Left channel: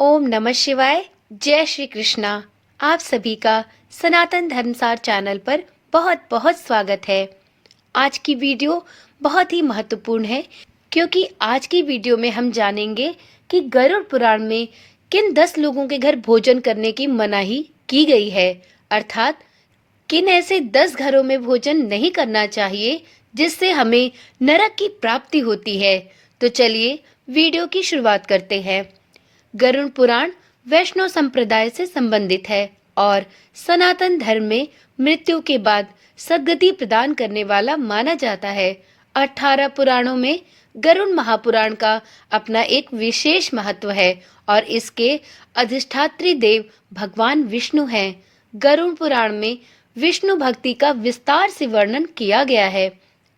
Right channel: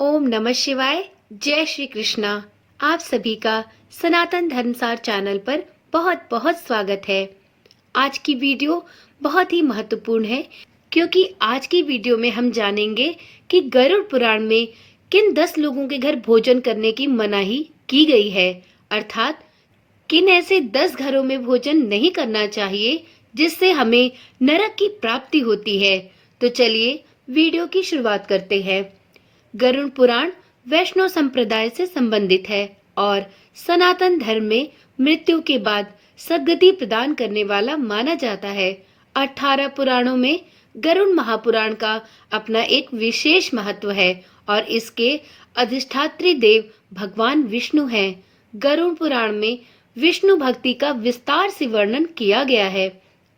ओम नमः शिवाय। जय श्री कृष्णा। आप सभी का सनातन धर्मसार चैनल पर बहुत बहुत स्वागत है। आज की वीडियो बहुत ही महत्वपूर्ण है क्योंकि आज की वीडियो में हम जानेंगे कि गरुड़ पुराण में किन 10 लोगों के घर भोजन करने की मनाही की गई है, अर्थात किन ऐसे 10 घरों में भोजन नहीं करना चाहिए जिससे हमें नरक की प्राप्ति होती है। तो चलिए वीडियो की शुरुआत करते हैं। गरुड़ पुराण वैष्णव संप्रदाय से संबंधित है और सनातन धर्म में मृत्यु के बाद सद्गति प्रदान करने वाला माना जाता है। 18 पुराणों में गरुड़ महापुराण का अपना एक विशेष महत्व है और इसके अधिष्ठात्री देव भगवान विष्णु हैं। गरुड़ पुराण में विष्णु भक्ति का विस्तार से वर्णन किया गया है।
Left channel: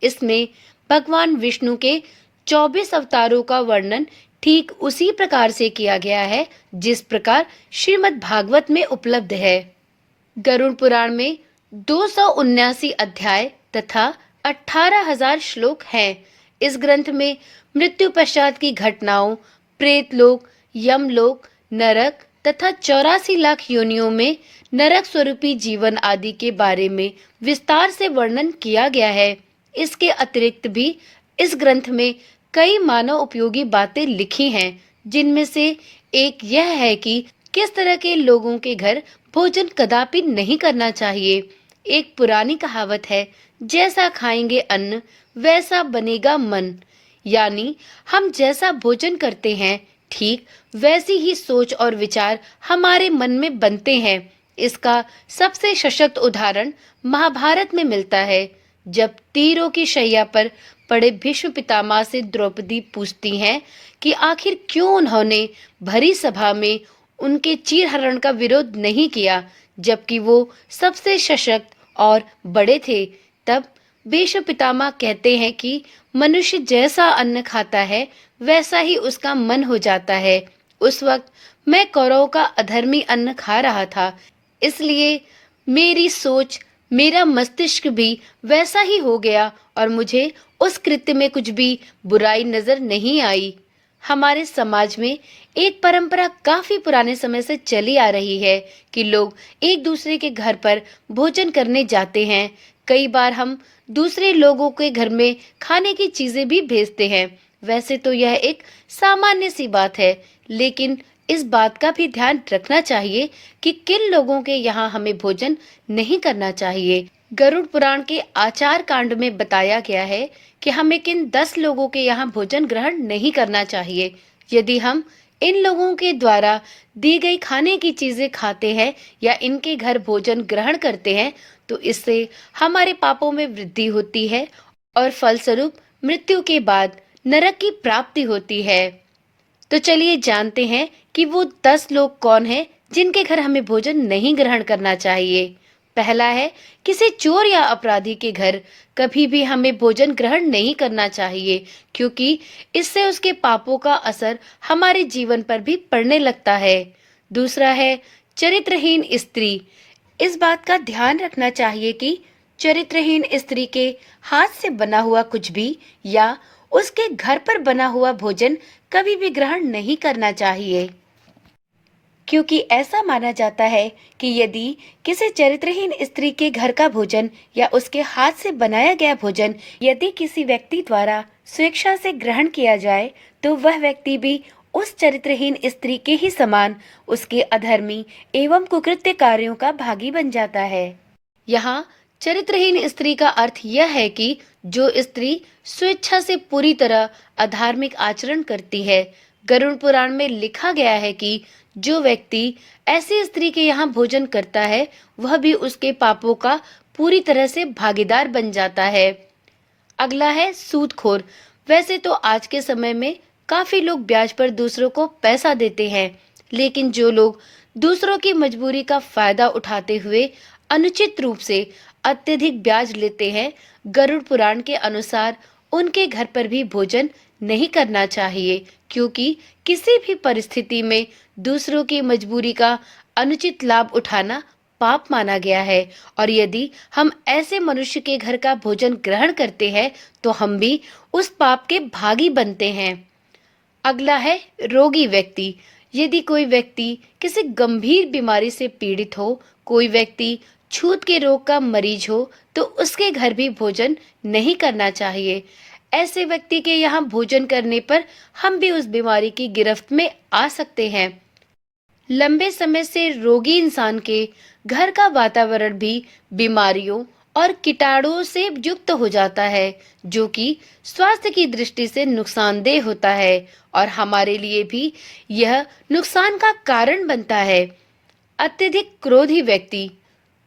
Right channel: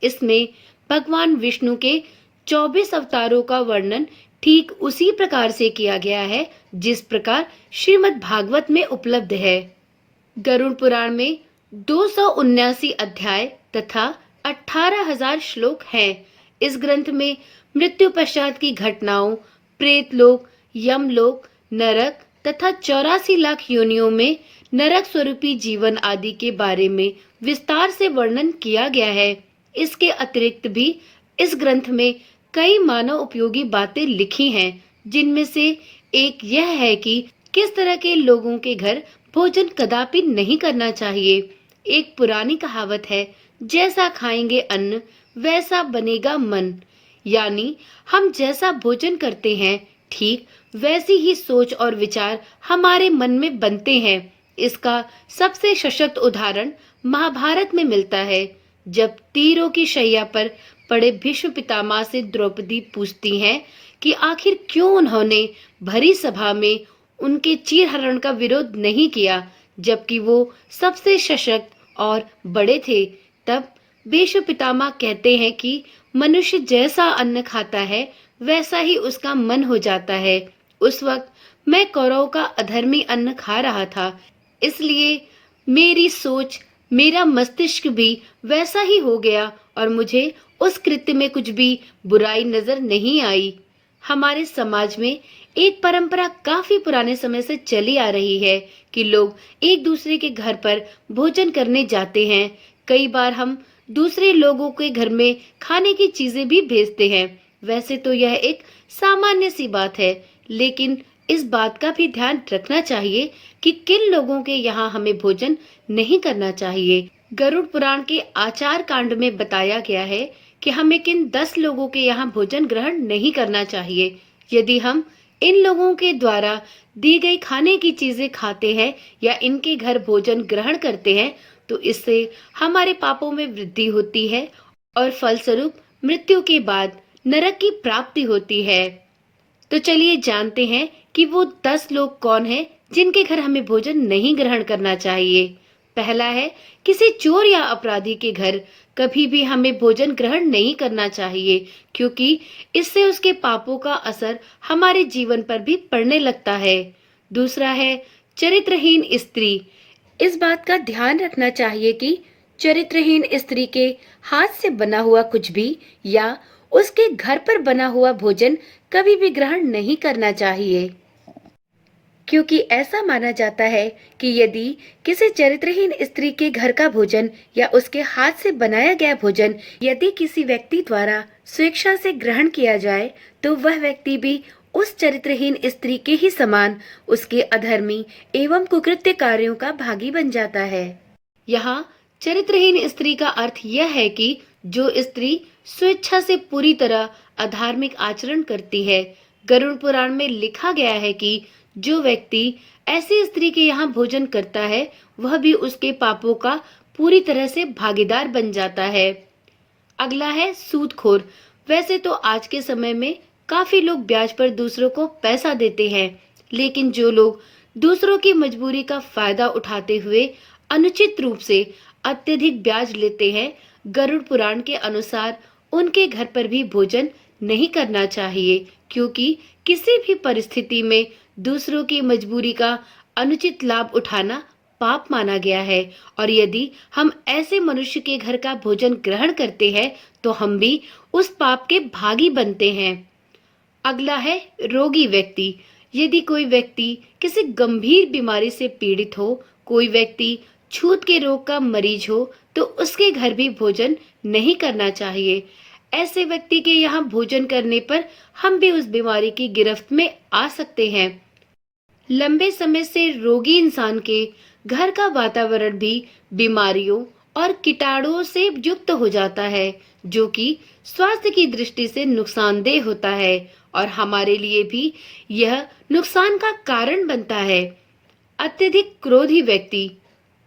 इसमें भगवान विष्णु के 24 अवतारों का वर्णन ठीक उसी प्रकार से किया गया है जिस प्रकार श्रीमद् भागवत में उपलब्ध है। गरुड़ पुराण में 279 अध्याय तथा 18,000 श्लोक हैं। इस ग्रंथ में मृत्यु पश्चात की घटनाओं, प्रेतलोक, यमलोक, नरक तथा 84 लाख योनियों में नरक स्वरूपी जीवन आदि के बारे में विस्तार से वर्णन किया गया है। इसके अतिरिक्त भी इस ग्रंथ में कई मानव उपयोगी बातें लिखी हैं, जिनमें से एक यह है कि किस तरह के लोगों के घर भोजन कदापि नहीं करना चाहिए। एक पुरानी कहावत है, जैसा खाएंगे अन्न वैसा बनेगा मन, यानी हम जैसा भोजन करते हैं ठीक वैसी ही सोच और विचार हमारे मन में बनते हैं। इसका सबसे सशक्त उदाहरण महाभारत में मिलता है, जब तीरों की शैया पर पड़े भीष्म पितामह से द्रौपदी पूछती हैं कि आखिर क्यों उन्होंने भरी सभा में उनके चीरहरण का विरोध नहीं किया, जबकि वो सबसे सशक्त और बड़े थे। तब भीष्म पितामह कहते हैं कि मनुष्य जैसा अन्न खाता है वैसा ही उसका मन हो जाता है। उस वक्त मैं कौरवों का अधर्मी अन्न खा रहा था, इसलिए मेरी सोच, मेरा मस्तिष्क भी वैसा ही हो गया और मुझे उस कृत्य में कुछ भी बुराई नजर नहीं आई। हमारे समाज में एक परंपरा काफी पुराने समय से चली आ रही है कि लोग एक दूसरे के घर पर भोजन करने जाते हैं। कई बार हम दूसरे लोगों के घर में खाने की चीजें भी भेजते हैं। वैसे तो यह एक सामान्य सी बात है, लेकिन इस बात का भी ध्यान रखना चाहिए कि किन लोगों के यहाँ हमें भोजन नहीं करना चाहिए। गरुड़ पुराण के आचार कांड में बताया गया है कि हमें किन 10 लोगों के यहाँ भोजन ग्रहण नहीं करना चाहिए। यदि हम इन लोगों के द्वारा दी गई खाने की चीजें खाते हैं या इनके घर भोजन ग्रहण करते हैं तो इससे हमारे पापों में वृद्धि होती है और फलस्वरूप मृत्यु के बाद नरक की प्राप्ति होती है। तो चलिए जानते हैं कि वो 10 लोग कौन हैं जिनके घर हमें भोजन नहीं ग्रहण करना चाहिए। पहला है, किसी चोर या अपराधी के घर कभी भी हमें भोजन ग्रहण नहीं करना चाहिए, क्योंकि इससे उसके पापों का असर हमारे जीवन पर भी पड़ने लगता है। दूसरा है, चरित्रहीन स्त्री। इस बात का ध्यान रखना चाहिए कि चरित्रहीन स्त्री के हाथ से बना हुआ कुछ भी या उसके घर पर बना हुआ भोजन कभी भी ग्रहण नहीं करना चाहिए, क्योंकि ऐसा माना जाता है कि यदि किसी चरित्रहीन स्त्री के घर का भोजन या उसके हाथ से बनाया गया भोजन यदि किसी व्यक्ति द्वारा स्वेच्छा से ग्रहण किया जाए तो वह व्यक्ति भी उस चरित्रहीन स्त्री के ही समान उसके अधर्मी एवं कुकृत्य कार्यों का भागी बन जाता है। यहाँ चरित्रहीन स्त्री का अर्थ यह है कि जो स्त्री स्वेच्छा से पूरी तरह अधार्मिक आचरण करती है। गरुड़ पुराण में लिखा गया है कि जो व्यक्ति ऐसी स्त्री के यहाँ भोजन करता है वह भी उसके पापों का पूरी तरह से भागीदार बन जाता है। अगला है सूदखोर। वैसे तो आज के समय में काफी लोग ब्याज पर दूसरों को पैसा देते हैं, लेकिन जो लोग दूसरों की मजबूरी का फायदा उठाते हुए अनुचित रूप से अत्यधिक ब्याज लेते हैं, गरुड़ पुराण के अनुसार उनके घर पर भी भोजन नहीं करना चाहिए, क्योंकि किसी भी परिस्थिति में दूसरों की मजबूरी का अनुचित लाभ उठाना पाप माना गया है और यदि हम ऐसे मनुष्य के घर का भोजन ग्रहण करते हैं तो हम भी उस पाप के भागी बनते हैं। अगला है रोगी व्यक्ति। यदि कोई व्यक्ति किसी गंभीर बीमारी से पीड़ित हो, कोई व्यक्ति छूत के रोग का मरीज हो, तो उसके घर भी भोजन नहीं करना चाहिए। ऐसे व्यक्ति के यहाँ भोजन करने पर हम भी उस बीमारी की गिरफ्त में आ सकते हैं। लंबे समय से रोगी इंसान के घर का वातावरण भी बीमारियों और कीटाणुओं से युक्त हो जाता है, जो कि स्वास्थ्य की दृष्टि से नुकसानदेह होता है और हमारे लिए भी यह नुकसान का कारण बनता है। अत्यधिक क्रोधी व्यक्ति।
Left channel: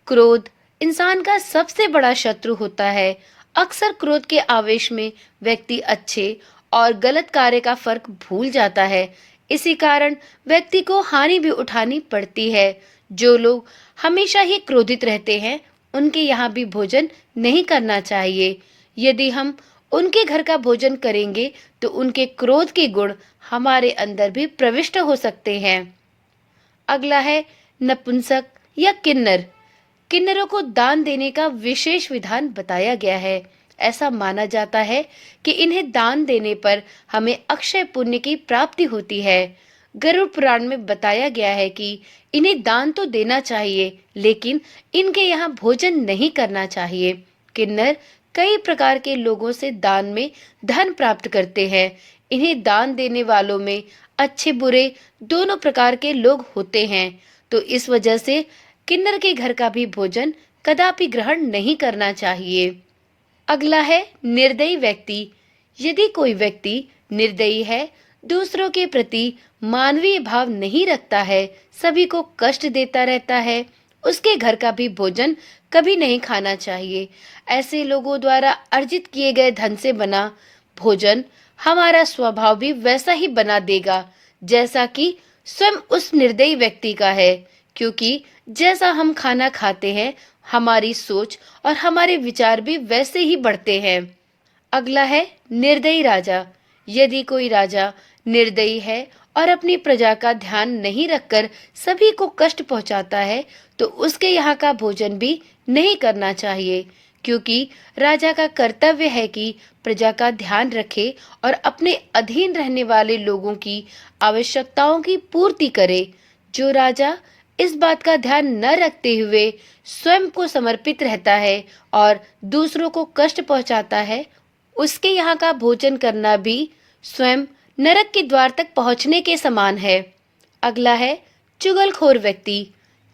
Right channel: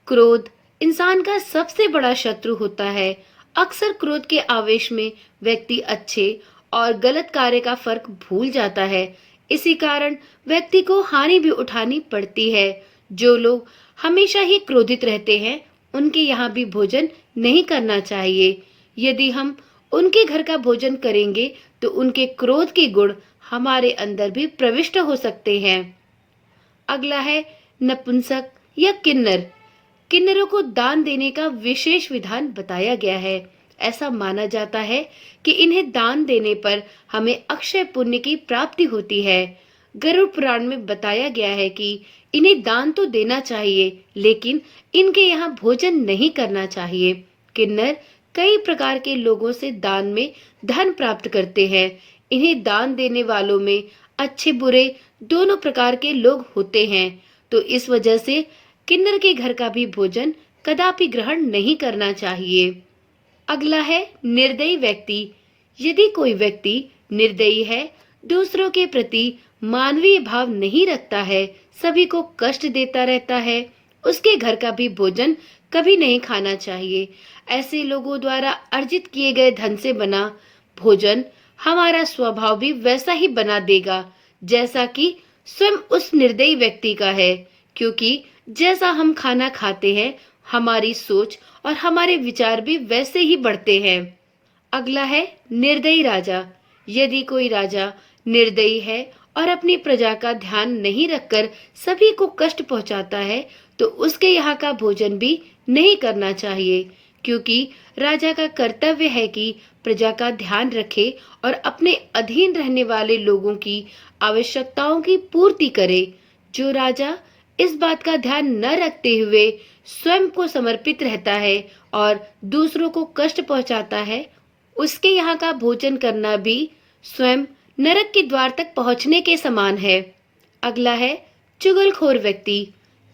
क्रोध इंसान का सबसे बड़ा शत्रु होता है। अक्सर क्रोध के आवेश में व्यक्ति अच्छे और गलत कार्य का फर्क भूल जाता है। इसी कारण व्यक्ति को हानि भी उठानी पड़ती है। जो लोग हमेशा ही क्रोधित रहते हैं, उनके यहाँ भी भोजन नहीं करना चाहिए। यदि हम उनके घर का भोजन करेंगे तो उनके क्रोध के गुण हमारे अंदर भी प्रविष्ट हो सकते हैं। अगला है नपुंसक या किन्नर। किन्नरों को दान देने का विशेष विधान बताया गया है। ऐसा माना जाता है कि इन्हें दान देने पर हमें अक्षय पुण्य की प्राप्ति होती है। गरुड़ पुराण में बताया गया है कि इन्हें दान तो देना चाहिए, लेकिन इनके यहाँ भोजन नहीं करना चाहिए। किन्नर कई प्रकार के लोगों से दान में धन प्राप्त करते हैं। इन्हें दान देने वालों में अच्छे बुरे दोनों प्रकार के लोग होते हैं, तो इस वजह से किन्नर के घर का भी भोजन कदापि ग्रहण नहीं करना चाहिए। अगला है निर्दयी व्यक्ति। यदि कोई व्यक्ति निर्दयी है, दूसरों के प्रति मानवीय भाव नहीं रखता है, सभी को कष्ट देता रहता है, उसके घर का भी भोजन कभी नहीं खाना चाहिए। ऐसे लोगों द्वारा अर्जित किए गए धन से बना भोजन हमारा स्वभाव भी वैसा ही बना देगा जैसा कि स्वयं उस निर्दयी व्यक्ति का है, क्योंकि जैसा हम खाना खाते हैं, हमारी सोच और हमारे विचार भी वैसे ही बढ़ते हैं। अगला है निर्दयी राजा। यदि कोई राजा निर्दयी है और अपनी प्रजा का ध्यान नहीं रखकर सभी को कष्ट पहुंचाता है, तो उसके यहाँ का भोजन भी नहीं करना चाहिए, क्योंकि राजा का कर्तव्य है कि प्रजा का ध्यान रखे और अपने अधीन रहने वाले लोगों की आवश्यकताओं की पूर्ति करे। जो राजा इस बात का ध्यान न रखते हुए स्वयं को समर्पित रहता है और दूसरों को कष्ट पहुंचाता है, उसके यहाँ का भोजन करना भी स्वयं नरक के द्वार तक पहुंचने के समान है। अगला है चुगलखोर व्यक्ति।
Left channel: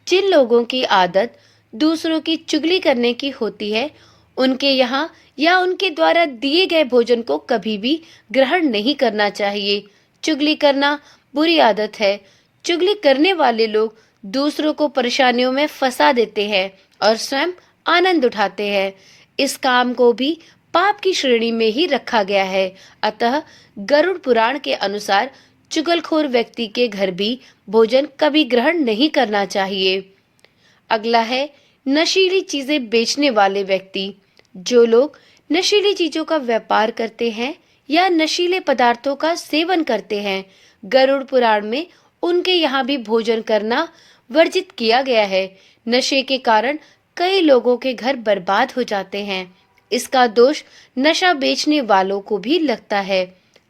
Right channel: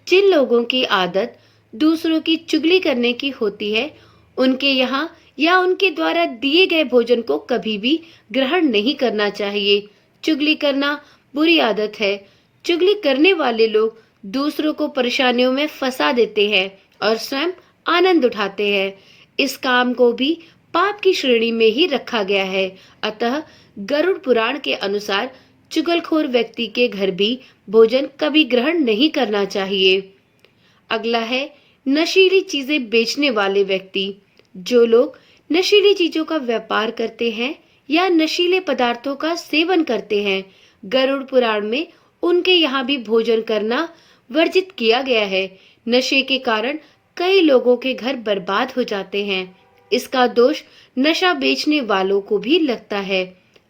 जिन लोगों की आदत दूसरों की चुगली करने की होती है, उनके यहाँ या उनके द्वारा दिए गए भोजन को कभी भी ग्रहण नहीं करना चाहिए। चुगली करना बुरी आदत है। चुगली करने वाले लोग दूसरों को परेशानियों में फंसा देते हैं और स्वयं आनंद उठाते हैं। इस काम को भी पाप की श्रेणी में ही रखा गया है। अतः गरुड़ पुराण के अनुसार चुगलखोर व्यक्ति के घर भी भोजन कभी ग्रहण नहीं करना चाहिए। अगला है नशीली चीजें बेचने वाले व्यक्ति। जो लोग नशीली चीजों का व्यापार करते हैं या नशीले पदार्थों का सेवन करते हैं, गरुड़ पुराण में उनके यहाँ भी भोजन करना वर्जित किया गया है। नशे के कारण कई लोगों के घर बर्बाद हो जाते हैं। इसका दोष नशा बेचने वालों को भी लगता है।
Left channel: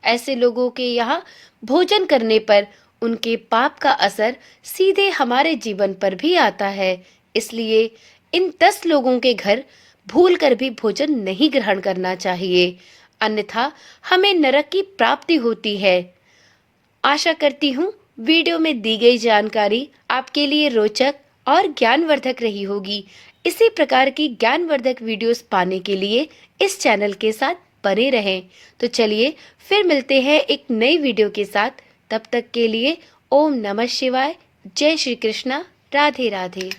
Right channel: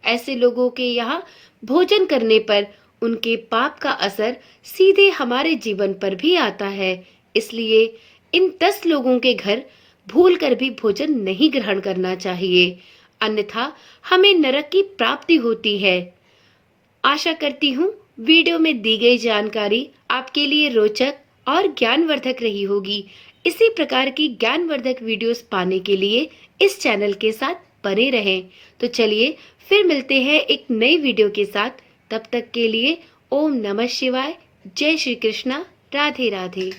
ऐसे लोगों के यहाँ भोजन करने पर उनके पाप का असर सीधे हमारे जीवन पर भी आता है। इसलिए इन 10 लोगों के घर भूलकर भी भोजन नहीं ग्रहण करना चाहिए, अन्यथा हमें नरक की प्राप्ति होती है। आशा करती हूँ वीडियो में दी गई जानकारी आपके लिए रोचक और ज्ञानवर्धक रही होगी। इसी प्रकार की ज्ञानवर्धक वीडियोस पाने के लिए इस चैनल के साथ बने रहें। तो चलिए फिर मिलते हैं एक नई वीडियो के साथ। तब तक के लिए ओम नमः शिवाय, जय श्री कृष्णा, राधे राधे।